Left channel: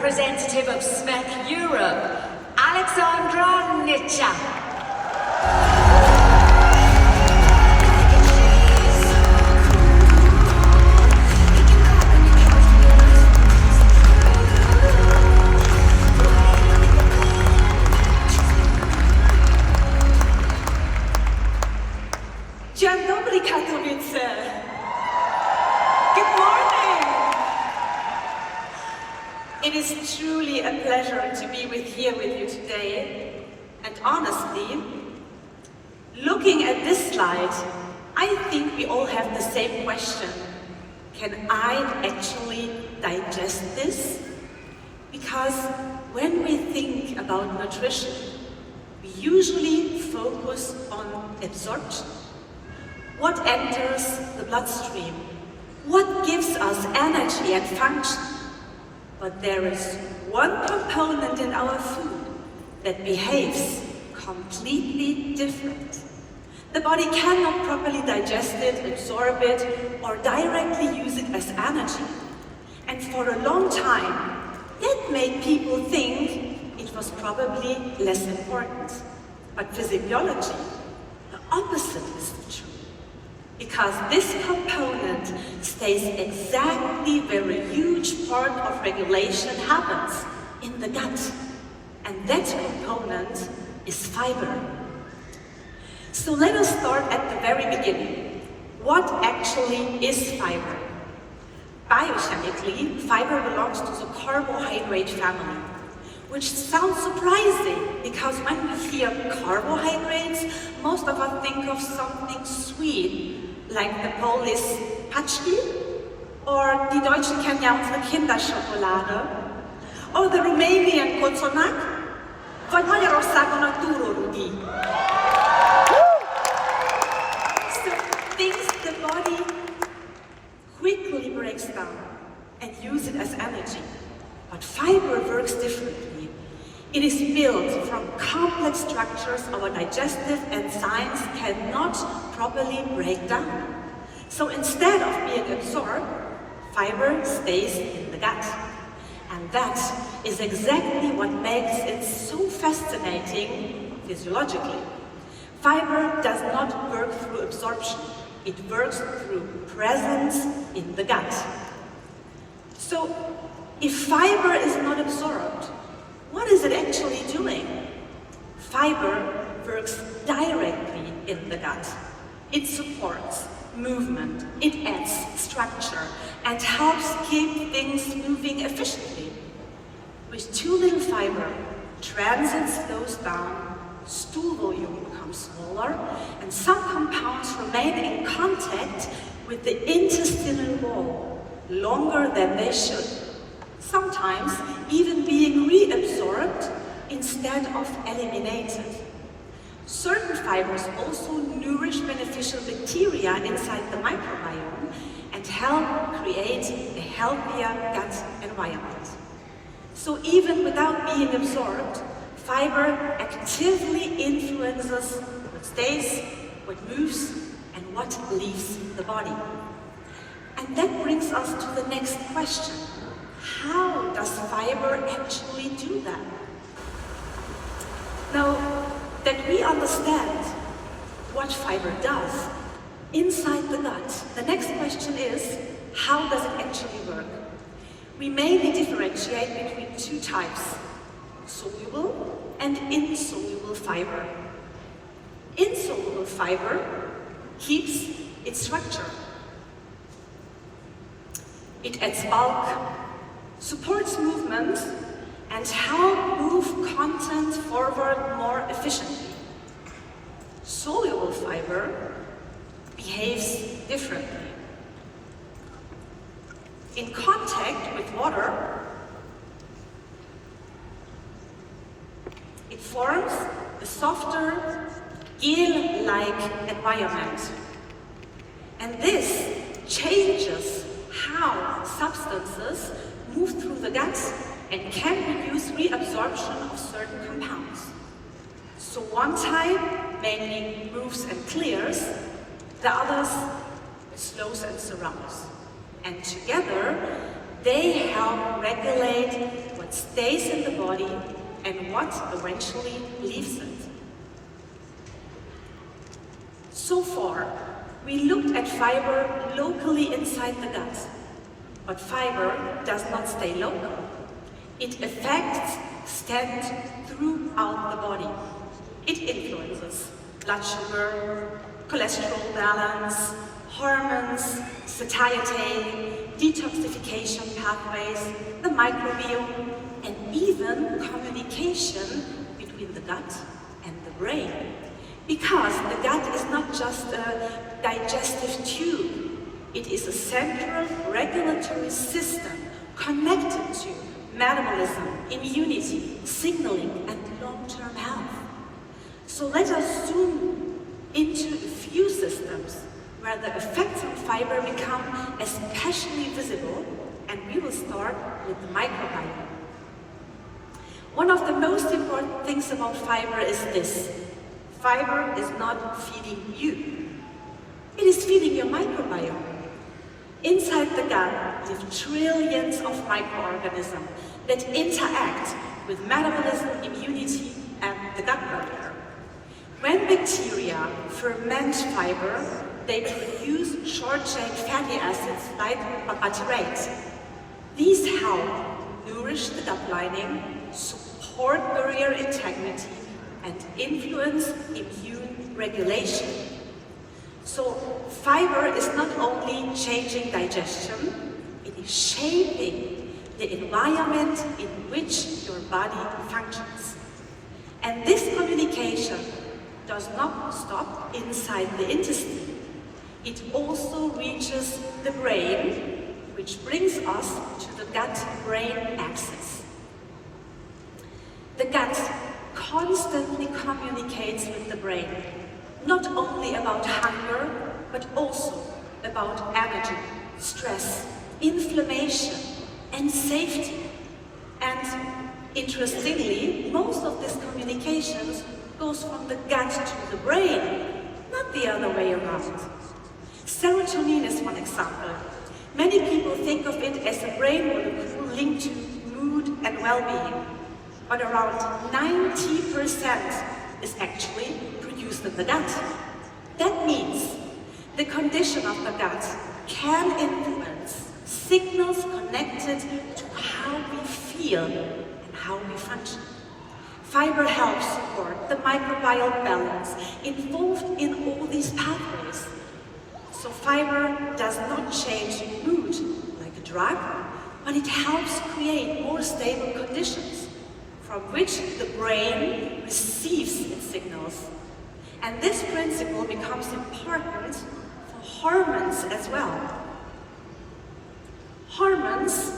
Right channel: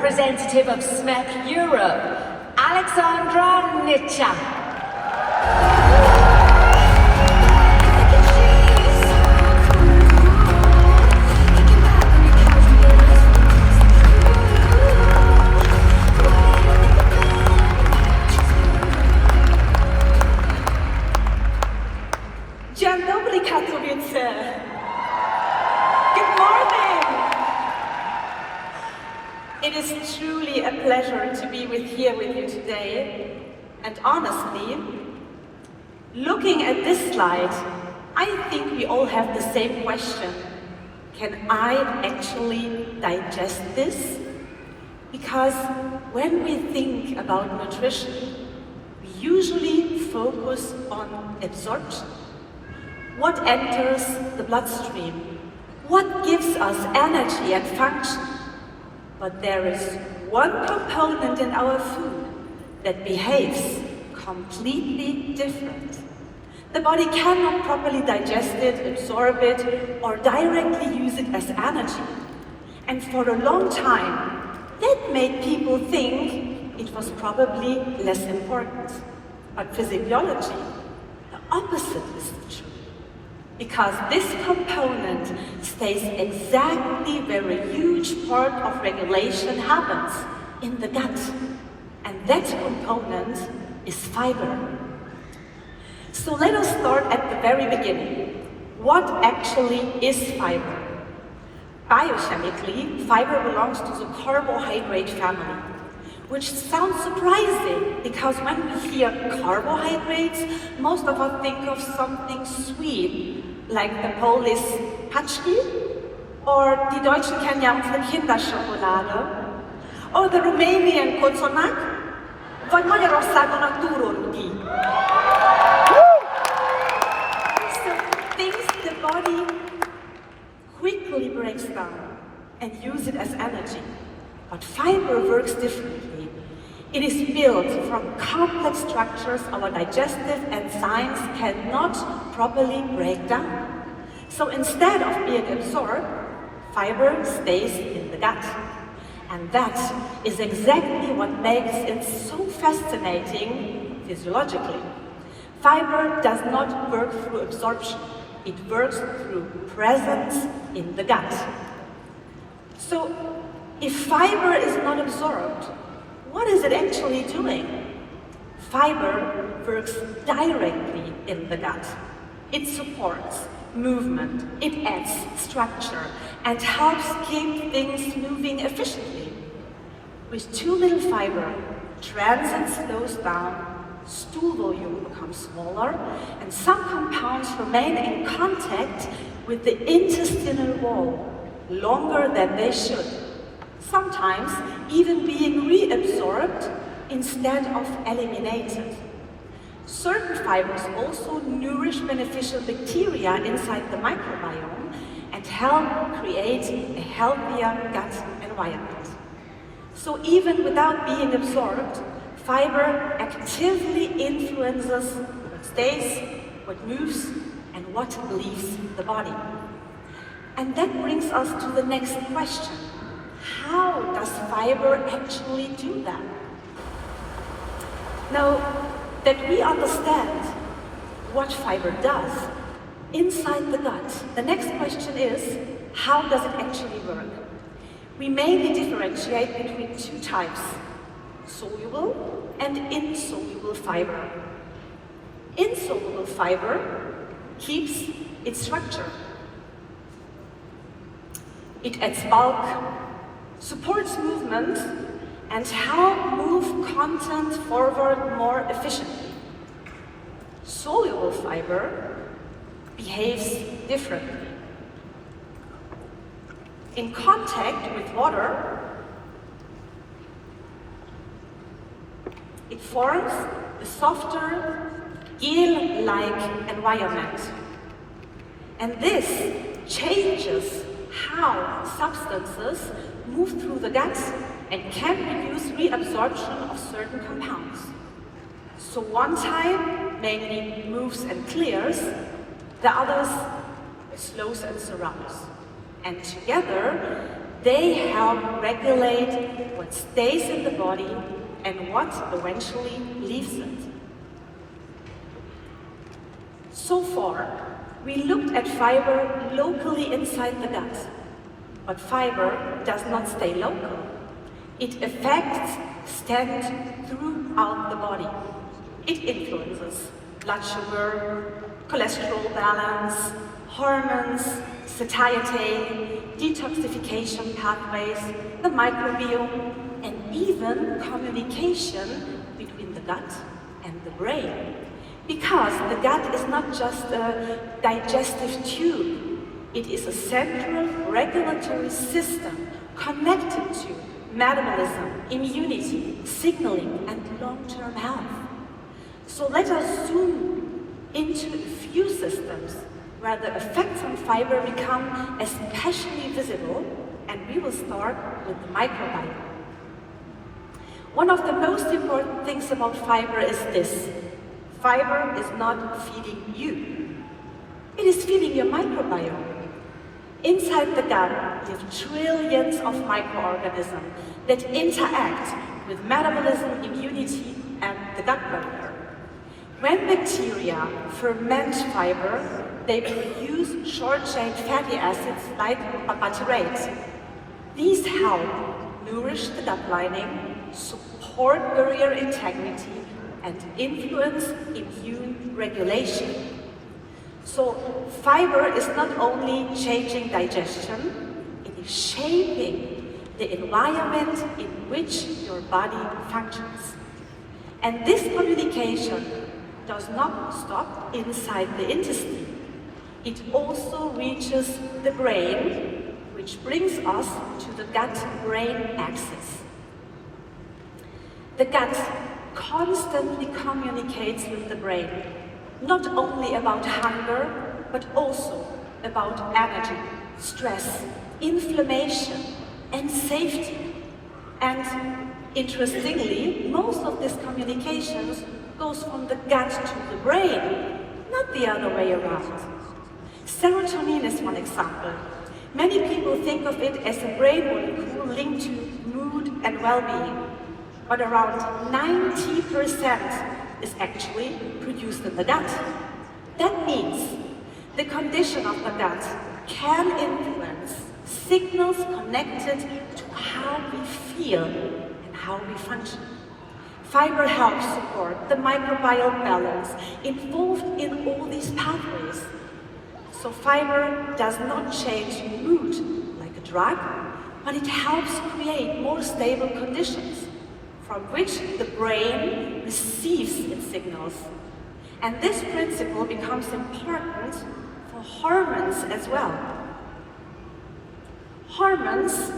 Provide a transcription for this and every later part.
representative of SMEC Europe, Alexandra Nitschak. Dzień dobry, Katowice. Good morning. It is truly a pleasure to be here with you today. And honestly, looking at this slide, I think we all have the same question. Can I actually digest this? Because when we think about nutrition, we usually focus on absorption. What enters the bloodstream? What gives us energy and function? But there is one component in our food that behaves completely different. The body cannot properly digest it, absorb it, or directly use it as energy. And for a long time, that made people think it was probably less important. But physiology, the opposite is true. Because this component stays exactly where a huge part of regulation happens, in the gut. And that component is fiber. So let us start at the very beginning. What actually is fiber? Biochemically, fiber belongs to the carbohydrate family, which sounds surprising because when we hear carbohydrates, most of us think of something sweet, like the Polish Paczki, or die Deutschen kennen ja unsere Kinderschokolade, or the Romanian koconak, vagy Magyarországon turorudi. So things the body quickly breaks down and use it as energy. But fiber works differently. It is built from complex structures our digestive enzymes cannot properly break down. So instead of being absorbed, fiber stays in the gut. And that is exactly what makes it so fascinating physiologically. Fiber does not work through absorption. It works through presence in the gut. So if fiber is not absorbed, what is it actually doing? Fiber works directly in the gut. It supports movement, it adds structure, and helps keep things moving efficiently. With too little fiber, transit slows down, stool volume becomes smaller, and some compounds remain in contact with the intestinal wall longer than they should. Sometimes even being reabsorbed instead of eliminated. Certain fibers also nourish beneficial bacteria inside the microbiome and help create a healthier gut environment. So even without being absorbed, fiber actively influences what stays, what moves, and what leaves the body. And that brings us to the next question. How does fiber actually do that? Now that we understand what fiber does inside the gut, the next question is, how does it actually work? We mainly differentiate between two types, soluble and insoluble fiber. Insoluble fiber keeps its structure. It adds bulk, supports movement, and help move content forward more efficiently. Soluble fiber behaves differently. In contact with water, it forms a softer, gel-like environment. And this changes how substances move through the gut and can reduce reabsorption of certain compounds. So one type mainly moves and clears, the others slows and surrounds. And together, They help regulate what stays in the body and what eventually leaves it. So far, we looked at fiber locally inside the gut, but fiber does not stay local. It affects, extends throughout the body. It influences blood sugar, cholesterol balance, hormones, satiety, detoxification pathways, the microbiome, and even communication between the gut and the brain. Because the gut is not just a digestive tube, it is a central regulatory system connected to metabolism, immunity, signaling, and long-term health. So let us zoom into a few systems where the effects on fiber become especially visible, and we will start with the microbiome. One of the most important things about fiber is this: fiber is not feeding you, it is feeding your microbiome. Inside the gut, you have trillions of microorganisms that interact with metabolism, immunity, and the gut barrier. When bacteria ferment fiber, they produce short-chain fatty acids like butyrate. These help nourish the gut lining, support barrier integrity, and influence immune regulation. So fiber is not only changing digestion, it is shaping the environment in which your body functions. And this communication does not stop inside the intestine. It also reaches the brain, which brings us to the gut-brain axis. The gut constantly communicates with the brain, not only about hunger, but also about energy, stress, inflammation, and safety. And interestingly, most of these communications goes from the gut to the brain, not the other way around. Serotonin is one example. Many people think of it as a brain molecule linked to mood and well-being, but around 90% is actually produced in the gut. That means the condition of the gut can influence signals connected to how we feel and how we function. Fiber helps support the microbial balance involved in all these pathways. So fiber does not change mood like a drug, but it helps create more stable conditions from which the brain receives its signals. And this principle becomes important for hormones as well. Hormones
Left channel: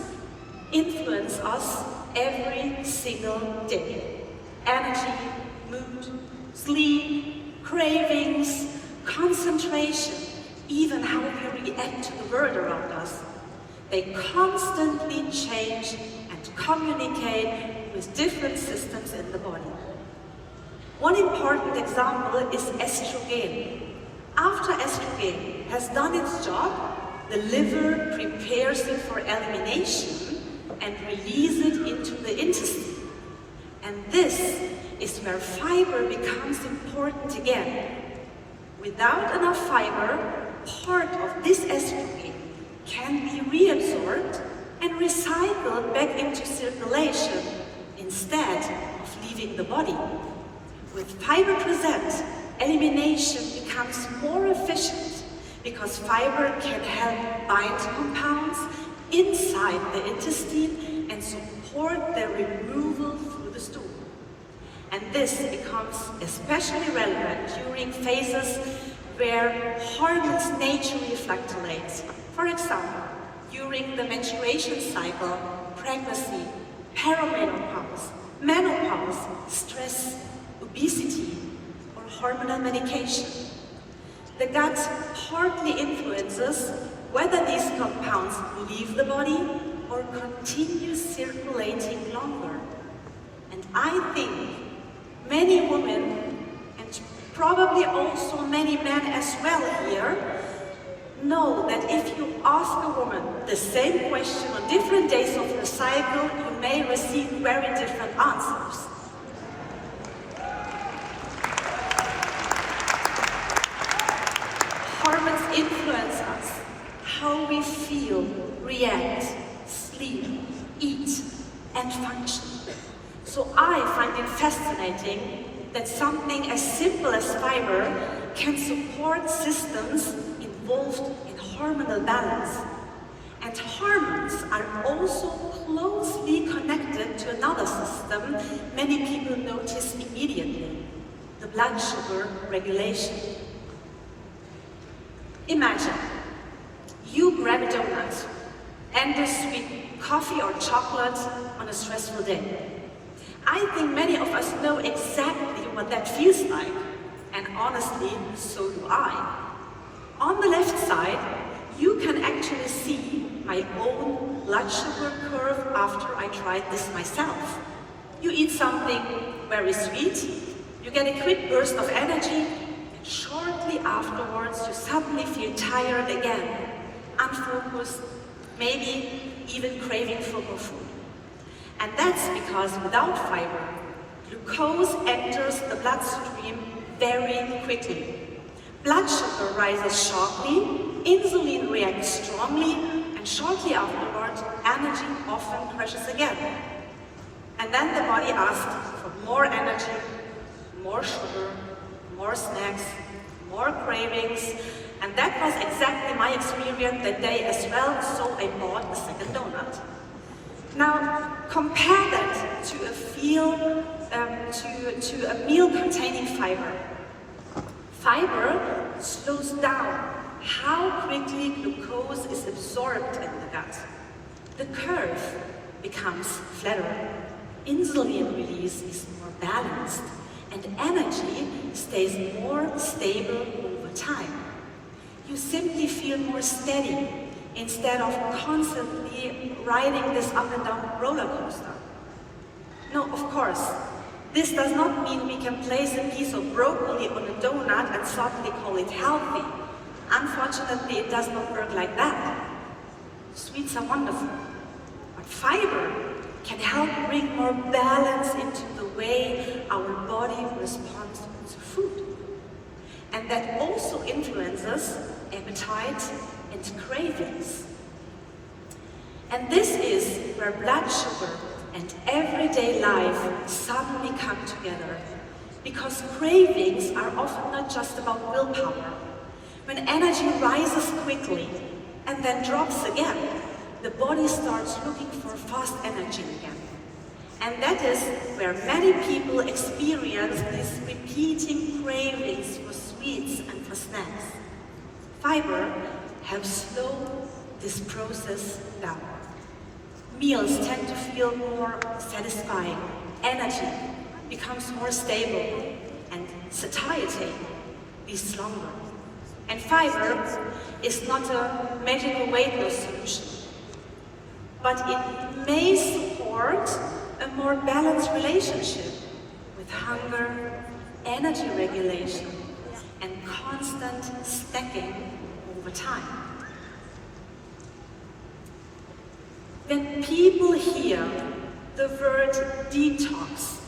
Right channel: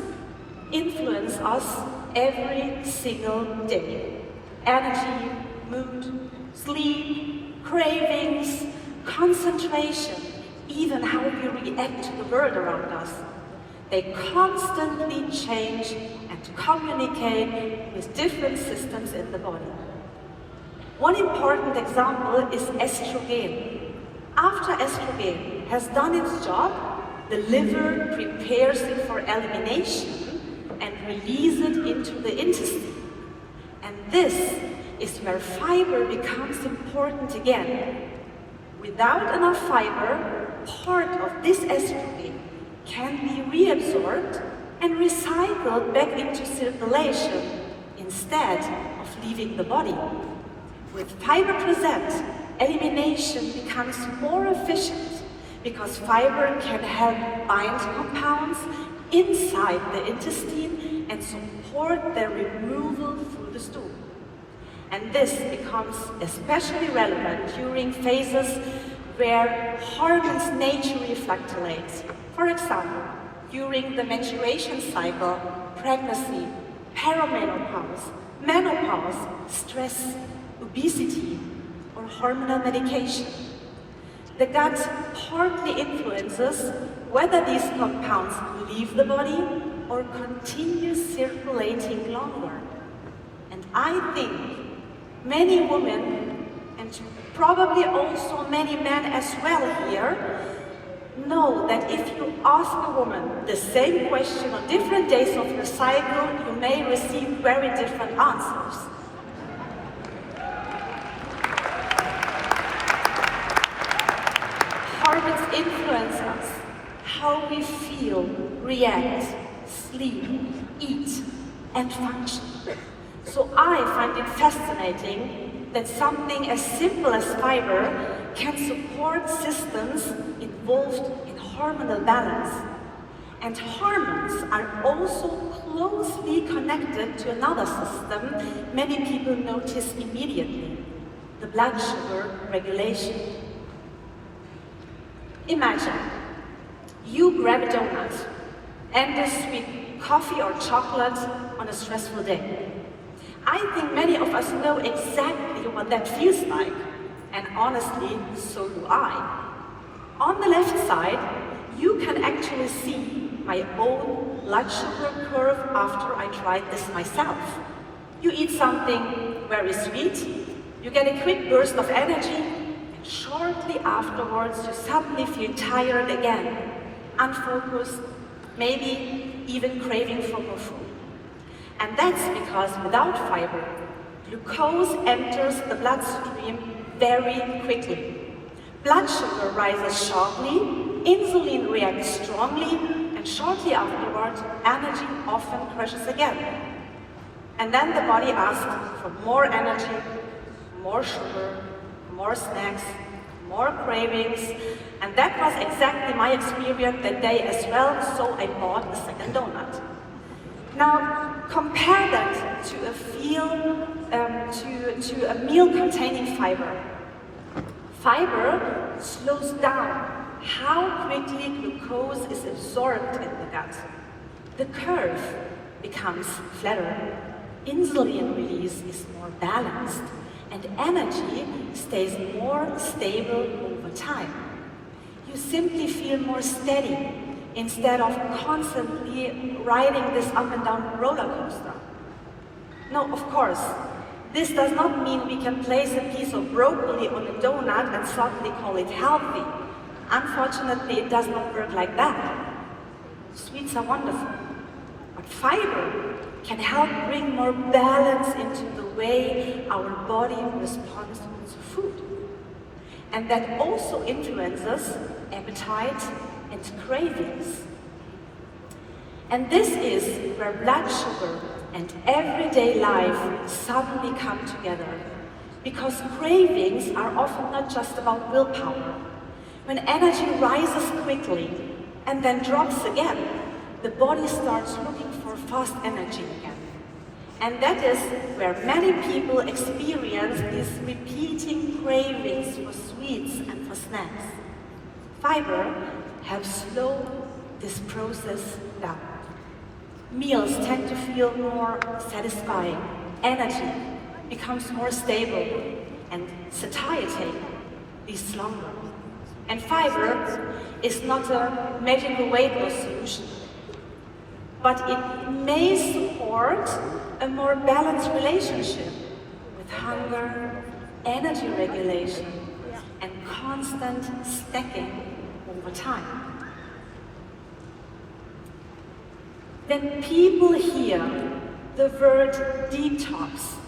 influence us every single day. Energy, mood, sleep, cravings, concentration, even how we react to the world around us. They constantly change and communicate with different systems in the body. One important example is estrogen. After estrogen has done its job, the liver prepares it for elimination and releases it into the intestine. And this is where fiber becomes important again. Without enough fiber, part of this estrogen can be reabsorbed and recycled back into circulation instead of leaving the body. With fiber present, elimination becomes more efficient because fiber can help bind compounds inside the intestine and support their removal through the stool. And this becomes especially relevant during phases where hormones naturally fluctuate. For example, during the menstruation cycle, pregnancy, perimenopause, menopause, stress, obesity, or hormonal medication. The gut partly influences whether these compounds leave the body or continue circulating longer. And I think many women, and probably also many men as well here, know that if you ask a woman the same question on different days of her cycle, you may receive very different answers. Hormones influence us, how we feel, react, sleep, eat, and function. So I find it fascinating that something as simple as fiber can support systems involved in hormonal balance. And hormones are also closely connected to another system many people notice immediately, the blood sugar regulation. Imagine, you grab a donut and a sweet coffee or chocolate on a stressful day. I think many of us know exactly what that feels like, and honestly, so do I. On the left side, you can actually see my own blood sugar curve after I tried this myself. You eat something very sweet, you get a quick burst of energy, and shortly afterwards you suddenly feel tired again, unfocused, maybe even craving for more food. And that's because without fiber, glucose enters the bloodstream very quickly. Blood sugar rises sharply, insulin reacts strongly, and shortly afterwards, energy often crashes again. And then the body asks for more energy, more sugar, more snacks, more cravings, and that was exactly my experience that day as well, so I bought a second donut. Now, compare that to a meal containing fiber. Fiber slows down how quickly glucose is absorbed in the gut. The curve becomes flatter, insulin release is more balanced, and energy stays more stable over time. You simply feel more steady instead of constantly riding this up and down roller coaster. No, of course, this does not mean we can place a piece of broccoli on a donut and suddenly call it healthy. Unfortunately, it does not work like that. Sweets are wonderful, but fiber can help bring more balance into the way our body responds to food. And that also influences appetite and cravings. And this is where blood sugar and everyday life suddenly come together, because cravings are often not just about willpower. When energy rises quickly and then drops again, the body starts looking for fast energy again. And that is where many people experience these repeating cravings for sweets and for snacks. Fiber helps slow this process down. Meals tend to feel more satisfying, energy becomes more stable, and satiety is longer. And fiber is not a magical weight loss solution, but it may support a more balanced relationship with hunger, energy regulation, and constant snacking over time. When people hear the word detox,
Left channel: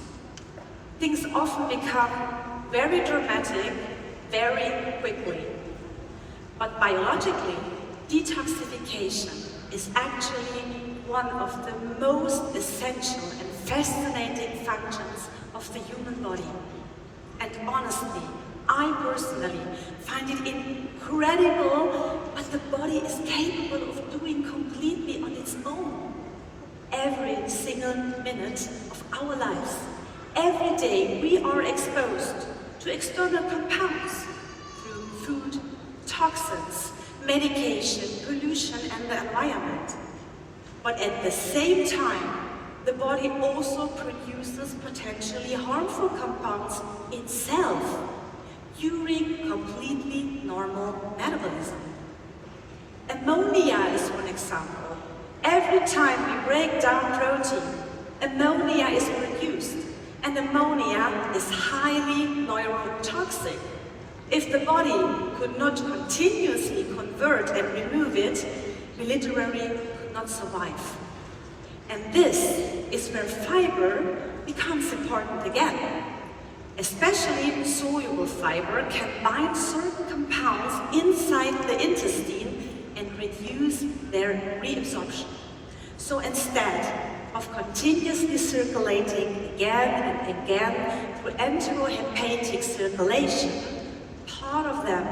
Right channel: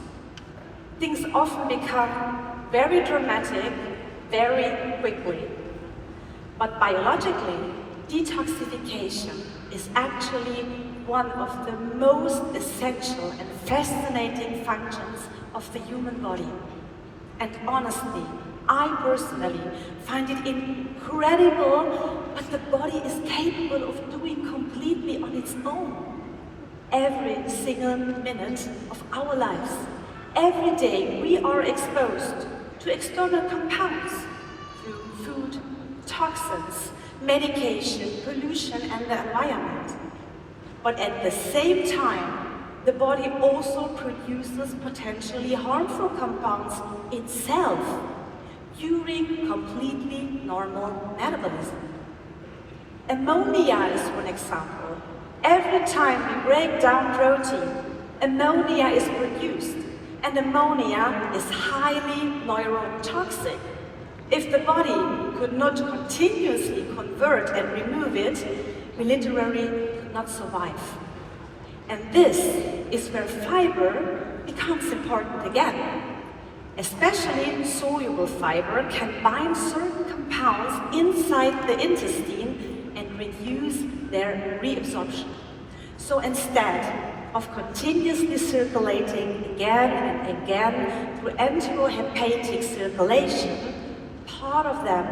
things often become very dramatic very quickly. But biologically, detoxification is actually one of the most essential and fascinating functions of the human body. And honestly, I personally find it incredible what the body is capable of doing completely on its own. Every single minute of our lives, every day we are exposed to external compounds through food, toxins, medication, pollution, and the environment. But at the same time, the body also produces potentially harmful compounds itself during completely normal metabolism. Ammonia is one example. Every time we break down protein, ammonia is produced, and ammonia is highly neurotoxic. If the body could not continuously convert and remove it, we literally could not survive. And this is where fiber becomes important again. Especially soluble fiber can bind certain compounds inside the intestine and reduce their reabsorption. So instead of continuously circulating again and again through enterohepatic circulation, part of them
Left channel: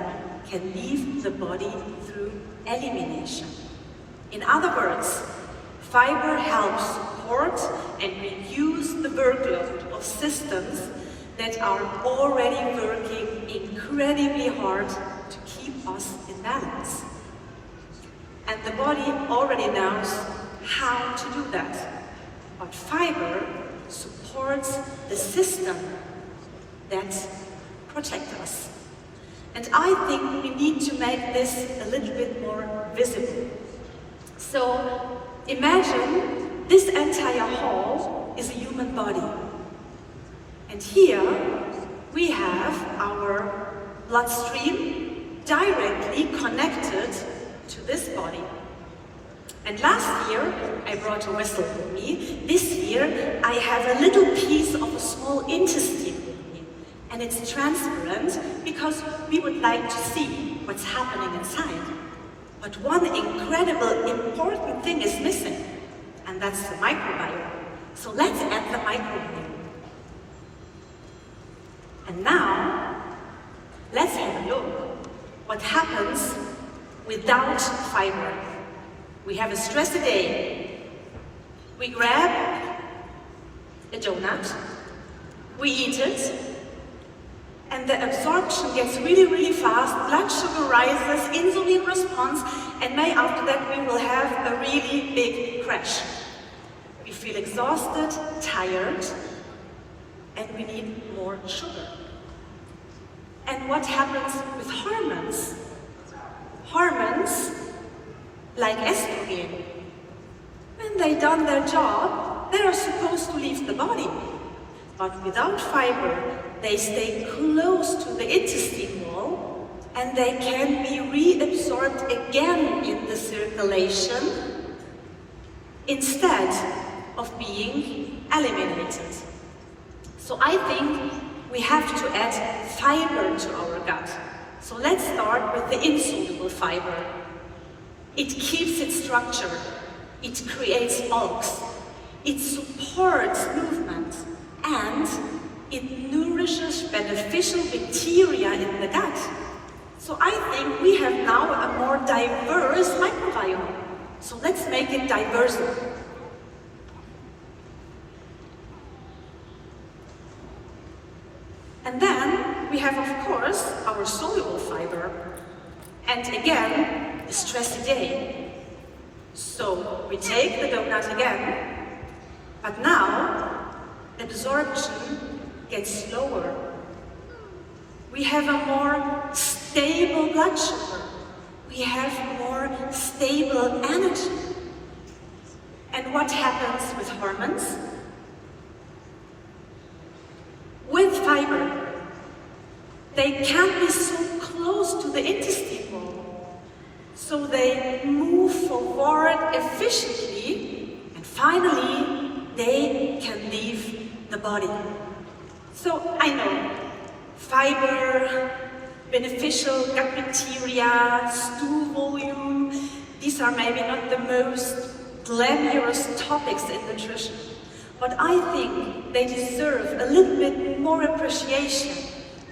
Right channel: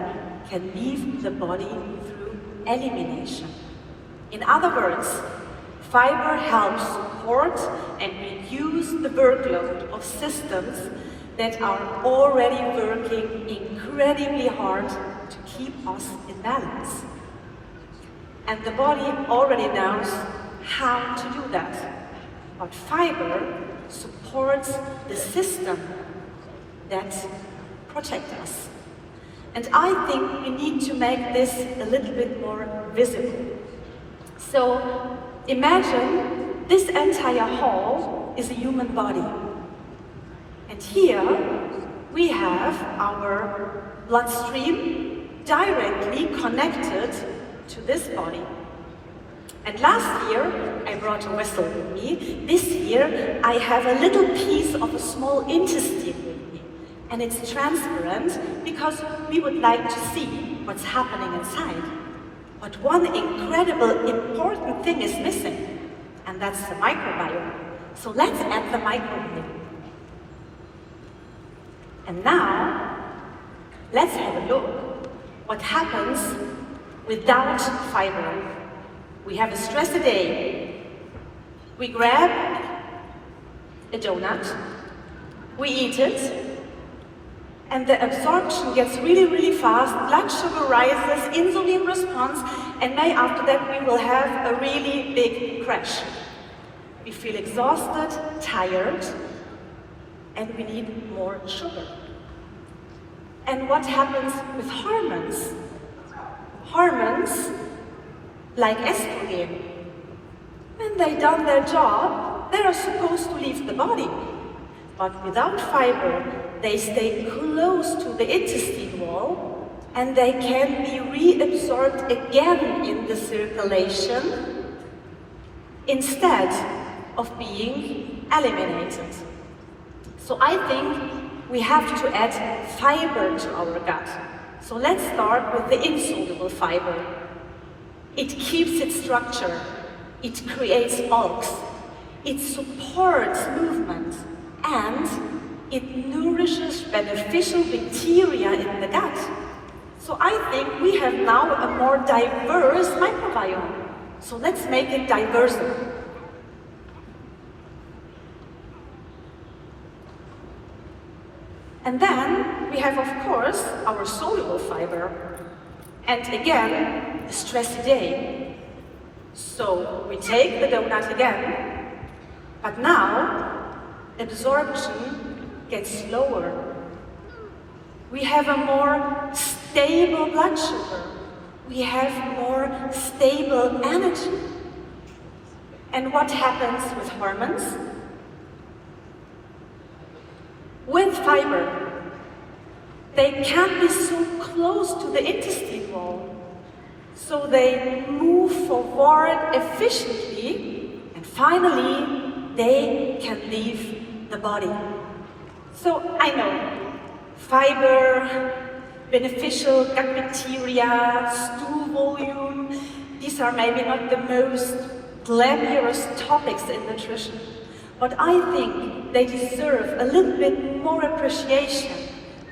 can leave the body through elimination. In other words, fiber helps support and reduce the workload of systems that are already working incredibly hard to keep us in balance. And the body already knows how to do that. But fiber supports the system that protects us. And I think we need to make this a little bit more visible. So imagine this entire hall is a human body. And here we have our bloodstream directly connected to this body. And last year I brought a vessel with me. This year I have a little piece of a small intestine with me. And it's transparent because we would like to see what's happening inside. But one incredible important thing is missing, and that's the microbiome. So let's add the microbiome. And now, let's have a look what happens without fiber. We have a stressy day. We grab a donut, we eat it, and the absorption gets really, really fast, blood sugar rises, insulin response, and maybe after that we will have a really big crash. We feel exhausted, tired, and we need more sugar. And what happens with hormones? Hormones, like estrogen, when they've done their job, they are supposed to leave the body. But without fiber, they stay close to the intestine wall and they can be reabsorbed again in the circulation instead of being eliminated. So I think we have to add fiber to our gut. So let's start with the insoluble fiber. It keeps its structure, it creates bulks, it supports movement, and it nourishes beneficial bacteria in the gut. So I think we have now a more diverse microbiome. So let's make it diverser. And then we have, of course, our soluble fiber. And again, a stressy day. So we take the donut again, but now absorption gets slower. We have a more stable blood sugar. We have more stable energy. And what happens with hormones? With fiber, they can't be so close to the intestine wall. So they move forward efficiently, and finally, they can leave the body. So I know, fiber, beneficial gut bacteria, stool volume, these are maybe not the most glamorous topics in nutrition, but I think they deserve a little bit more appreciation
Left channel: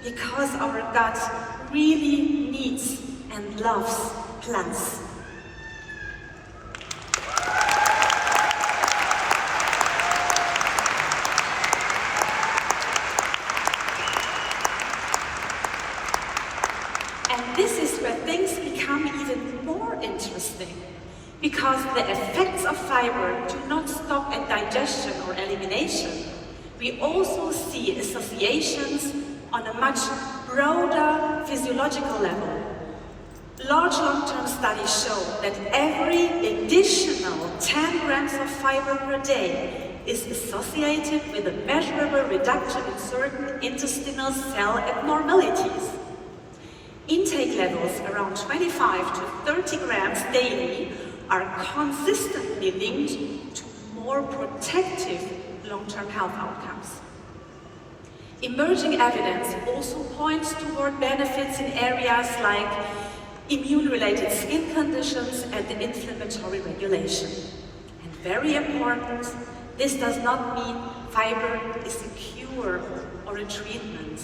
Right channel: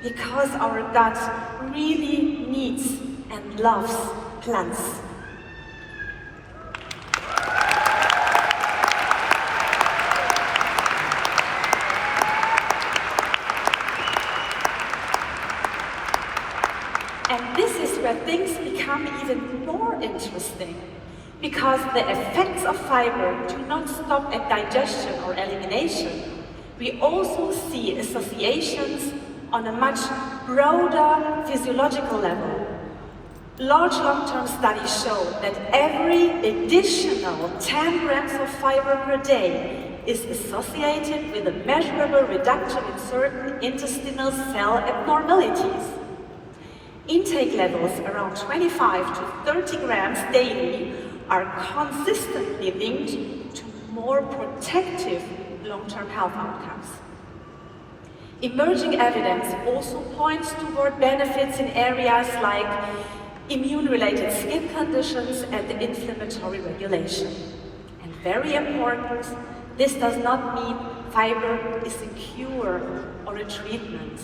because our gut really needs and loves plants. And this is where things become even more interesting, because the effects of fiber do not stop at digestion or elimination. We also see associations on a much broader physiological level. Large long-term studies show that every additional 10 grams of fiber per day is associated with a measurable reduction in certain intestinal cell abnormalities. Intake levels around 25 to 30 grams daily are consistently linked to more protective long-term health outcomes. Emerging evidence also points toward benefits in areas like immune-related skin conditions and inflammatory regulation. And very important, this does not mean fiber is a cure or a treatment,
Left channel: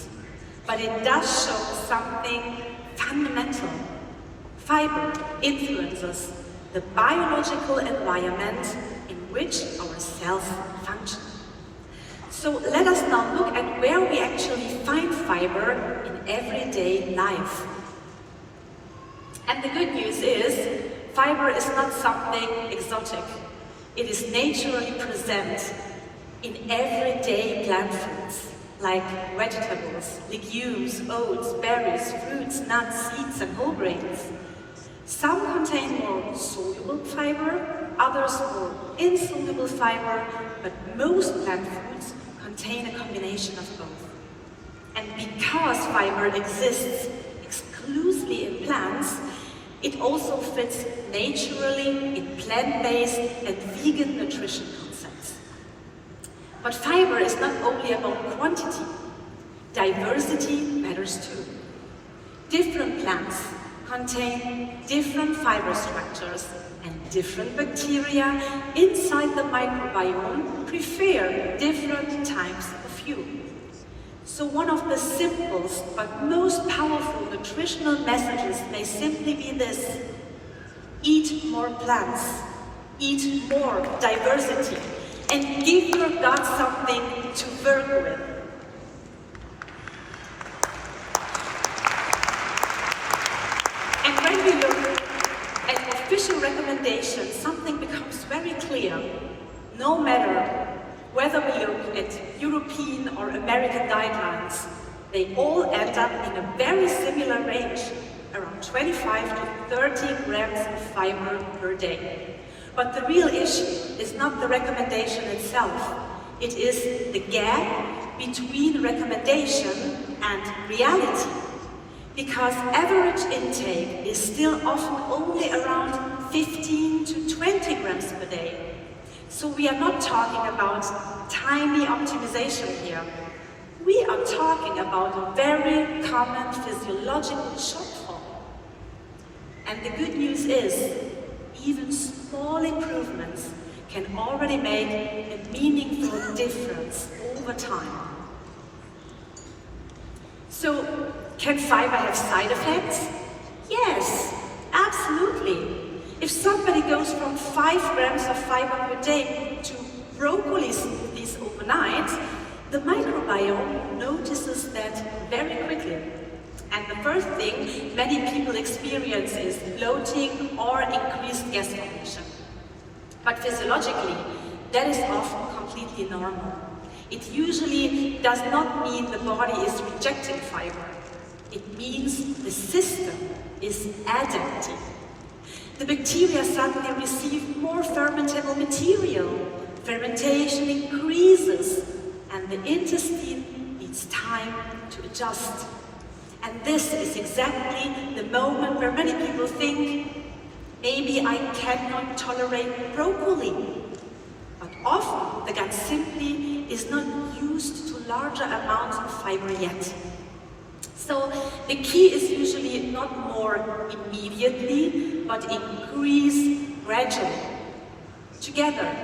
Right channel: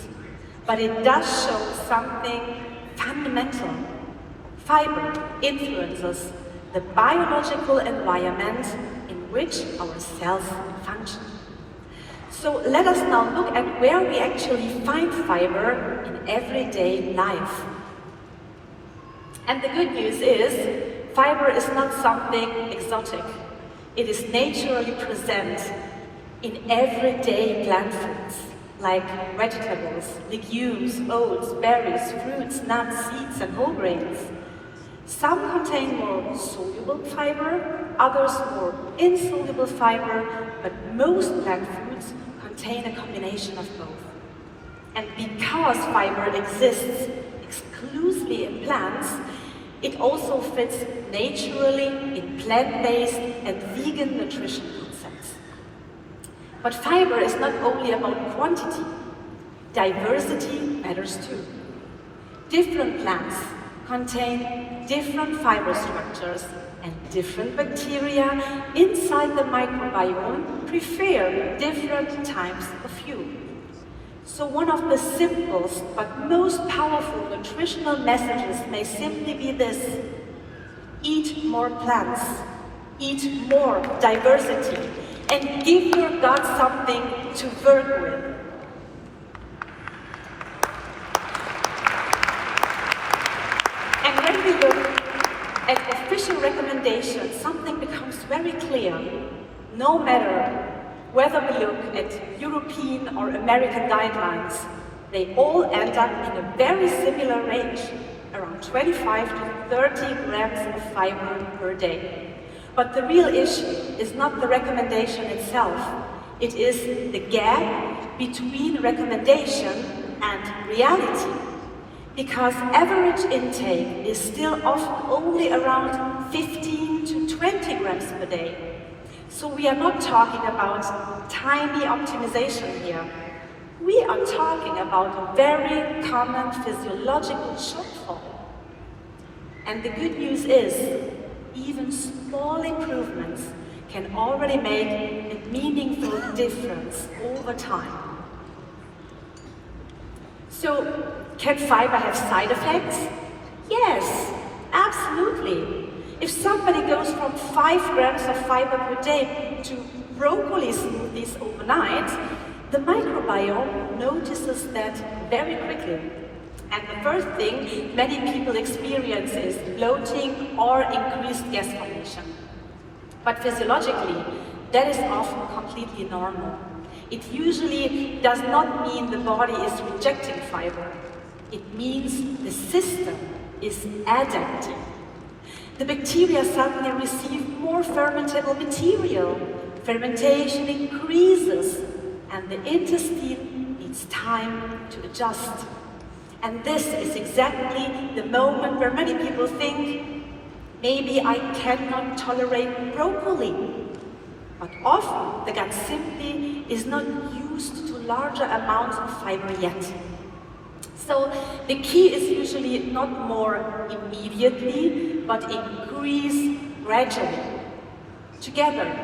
but it does show something fundamental. Fiber influences the biological environment in which our cells function. So let us now look at where we actually find fiber in everyday life. And the good news is, fiber is not something exotic. It is naturally present in everyday plant foods, like vegetables, legumes, oats, berries, fruits, nuts, seeds, and whole grains. Some contain more soluble fiber, others more insoluble fiber, but most plant foods contain a combination of both. And because fiber exists exclusively in plants, it also fits naturally in plant-based and vegan nutrition concepts. But fiber is not only about quantity. Diversity matters too. Different plants contain different fiber structures, and different bacteria inside the microbiome prefer different types of fuel. So one of the simplest but most powerful nutritional messages may simply be this: eat more plants, eat more diversity, and give your gut something to work with. And when we look at official recommendations, something becomes very clear. No matter whether we look at European or American guidelines, they all end up in a very similar range, around 25 to 30 grams of fiber per day. But the real issue is not the recommendation itself, it is the gap between recommendation and reality. Because average intake is still often only around 15 to 20 grams per day. So we are not talking about tiny optimization here. We are talking about a very common physiological shortfall. And the good news is, even small improvements can already make a meaningful difference over time. So, can fiber have side effects? Yes, absolutely. If somebody goes from 5 grams of fiber per day to broccoli smoothies overnight, the microbiome notices that very quickly. And the first thing many people experience is bloating or increased gas formation. But physiologically, that is often completely normal. It usually does not mean the body is rejecting fiber. It means the system is adapting. The bacteria suddenly receive more fermentable material. Fermentation increases, and the intestine needs time to adjust. And this is exactly the moment where many people think, maybe I cannot tolerate broccoli. But often the gut simply is not used to larger amounts of fiber yet. So the key is usually not more immediately, but increase gradually. Together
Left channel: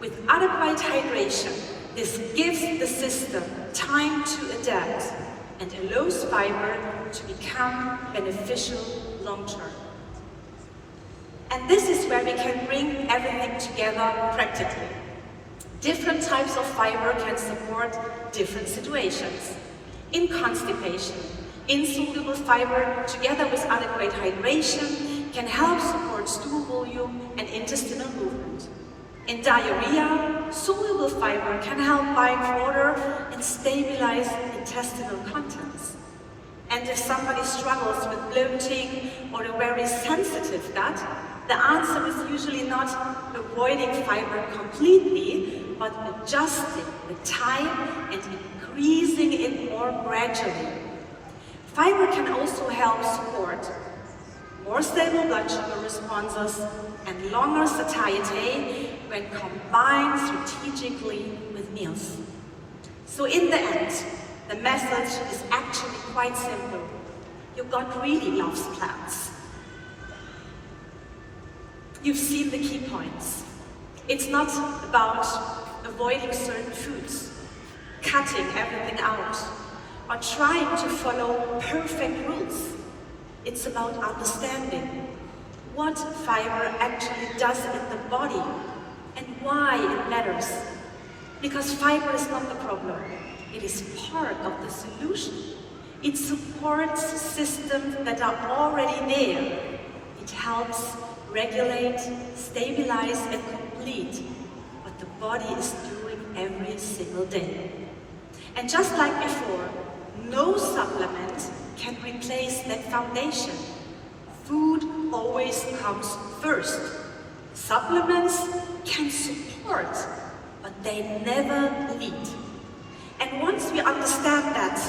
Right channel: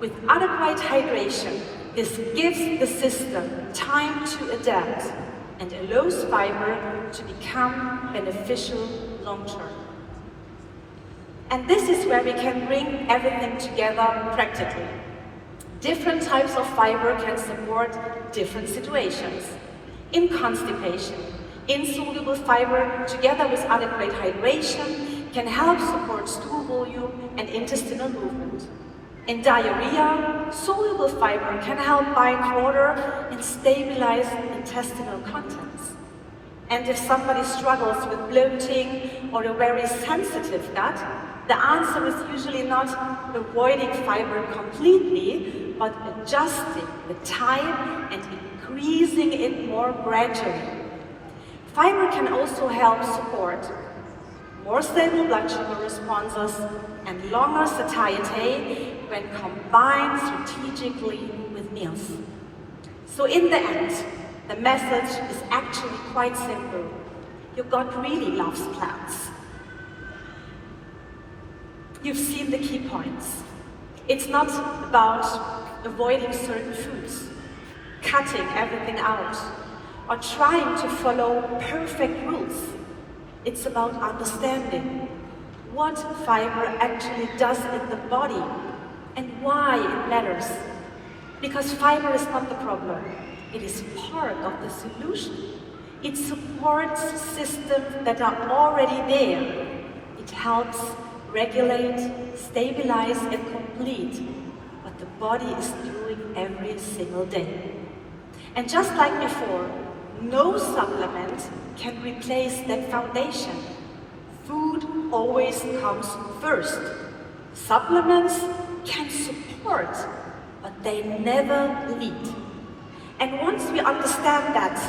with adequate hydration, this gives the system time to adapt and allows fiber to become beneficial long-term. And this is where we can bring everything together practically. Different types of fiber can support different situations. In constipation, insoluble fiber together with adequate hydration can help support stool volume and intestinal movement. In diarrhea, soluble fiber can help bind water and stabilize intestinal contents. And if somebody struggles with bloating or a very sensitive gut, the answer is usually not avoiding fiber completely, but adjusting the time and increasing it more gradually. Fiber can also help support more stable blood sugar responses and longer satiety when combined strategically with meals. So in the end, the message is actually quite simple. Your gut really loves plants. You've seen the key points. It's not about avoiding certain foods, cutting everything out, or trying to follow perfect rules. It's about understanding what fiber actually does in the body and why it matters. Because fiber is not the problem, it is part of the solution. It supports systems that are already there. It helps regulate, stabilize, and complete what the body is doing every single day. And just like before, no supplement can replace that foundation. Food always comes first. Supplements can support, but they never lead. And once we understand that,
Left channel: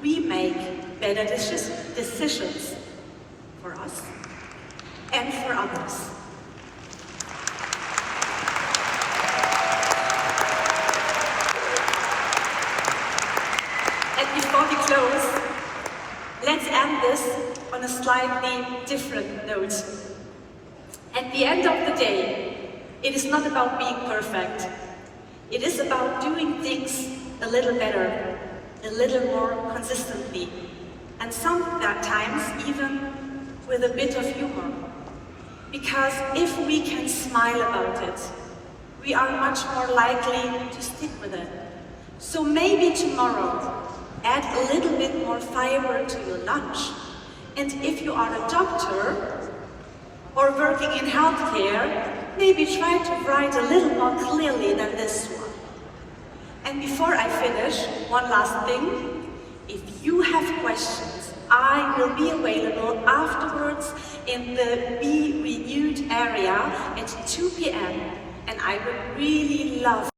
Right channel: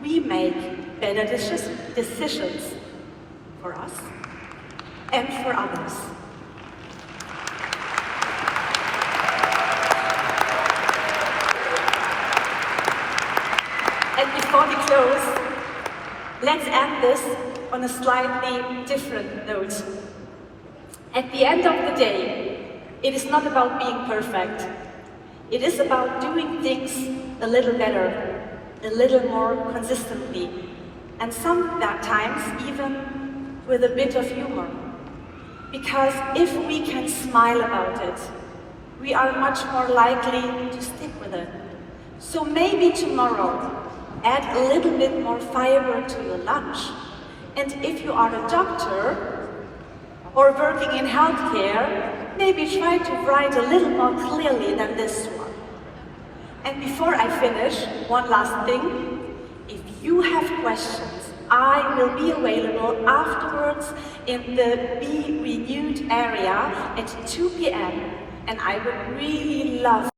we make better decisions for us and for others. And before we close, let's end this on a slightly different note. At the end of the day, it is not about being perfect. It is about doing things a little better, a little more consistently, and sometimes even with a bit of humor. Because if we can smile about it, we are much more likely to stick with it. So maybe tomorrow, add a little bit more fiber to your lunch. And if you are a doctor or working in healthcare, maybe try to write a little more clearly than this one. And before I finish, one last thing. If you have questions, I will be available afterwards in the Be Renewed area at 2 p.m. and I would really love